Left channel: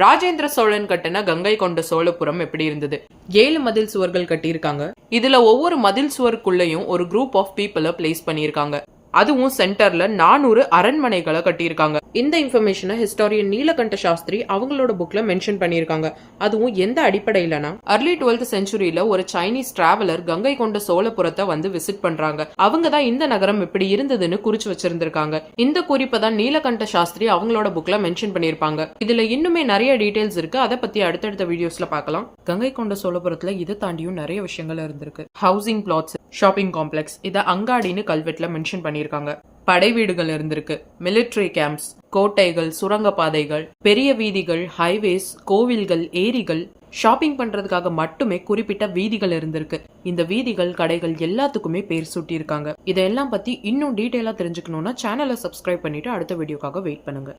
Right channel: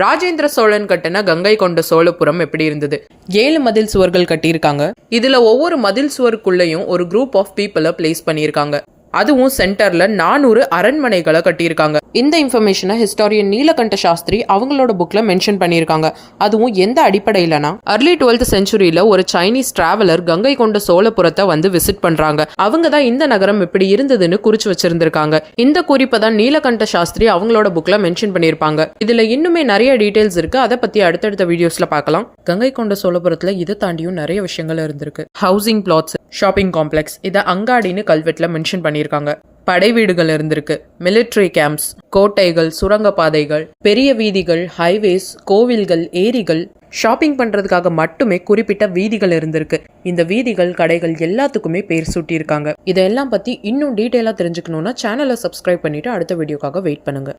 ராஜேந்திர சோழன் கட்டின கங்கை கொண்ட சோழபுரம் எப்படி இருந்தது? 7 மதில் சுவர்கள் கட்டியிருக்காங்க. இதுல ஒவ்வொரு மதில் சுவருக்குள்ளேயும் ஒரு குரூப் ஆஃப் பீப்புளை பிளேஸ் பண்ணியிருக்காங்க. அதுவும் சென்டர்ல 400 அரண்மனைகளை கட்டியிருக்காங்க. இந்த இன்ஃபர்மேஷனை ஹிஸ்டாரியன் நீலகண்ட சாஸ்திரி அவங்களோட புக்ல மென்ஷன் பண்ணியிருக்காங்க. அதுவும் எந்த அடிப்படையிலனா, early 12th centuryல ஒரு சைனீஸ் டிராவலர் கங்கை கொண்ட சோழபுரத்தை வந்து விசிட் பண்றாங்க. அவங்க தான் இந்த நகரம் எப்படி இருந்ததுன்னு குறிச்சு வச்சிருந்திருக்காங்க. இந்த குறிப்பை தான் நீலகண்ட சாஸ்திரி அவங்களோட புக்ல மென்ஷன் பண்ணியிருப்பாங்க. இதுல இன்னுமே நிறைய டீடைல்ஸ் இருக்கு. அதை பத்தி அடுத்தடுத்த வீடியோஸ்ல பார்க்கலாம். கங்கை கொண்ட சோழபுரத்துல இதை தாண்டியும் நிறைய விஷயங்கள் இருந்திருக்கு. ஹவுசிங் பிளாட்ஸ், ஷாப்பிங் காம்ப்ளெக்ஸ், இதை அங்காடின்னு கல்வெட்டுல மென்ஷன் பண்ணியிருக்காங்க. படை வீடுகள் இருந்திருக்கு, மிலிட்ரி கேம்ப்ஸ், கோட்டைகள், சுரங்கப்பாதைகள், பெரிய வீதிகள், ஹைவேஸ், கோவில்கள், ஏரிகள், ஷாப்பிங் பண்றதுக்காக மட்டுமே குறிப்பிட்ட வீதிகள் இருந்திருக்கு. இந்த வீதிகள், கடைகள் எல்லாத்துக்குமே பேர் சூட்டி இருக்காங்க. இதெல்லாம் பத்தி இன்னும் டீட்டெயிலா தெரிஞ்சுக்கணும்னா சேனலை சப்ஸ்கிரைப் பண்ணிட்டு அடுத்த வீடியோக்காக வெயிட் பண்ணுங்க.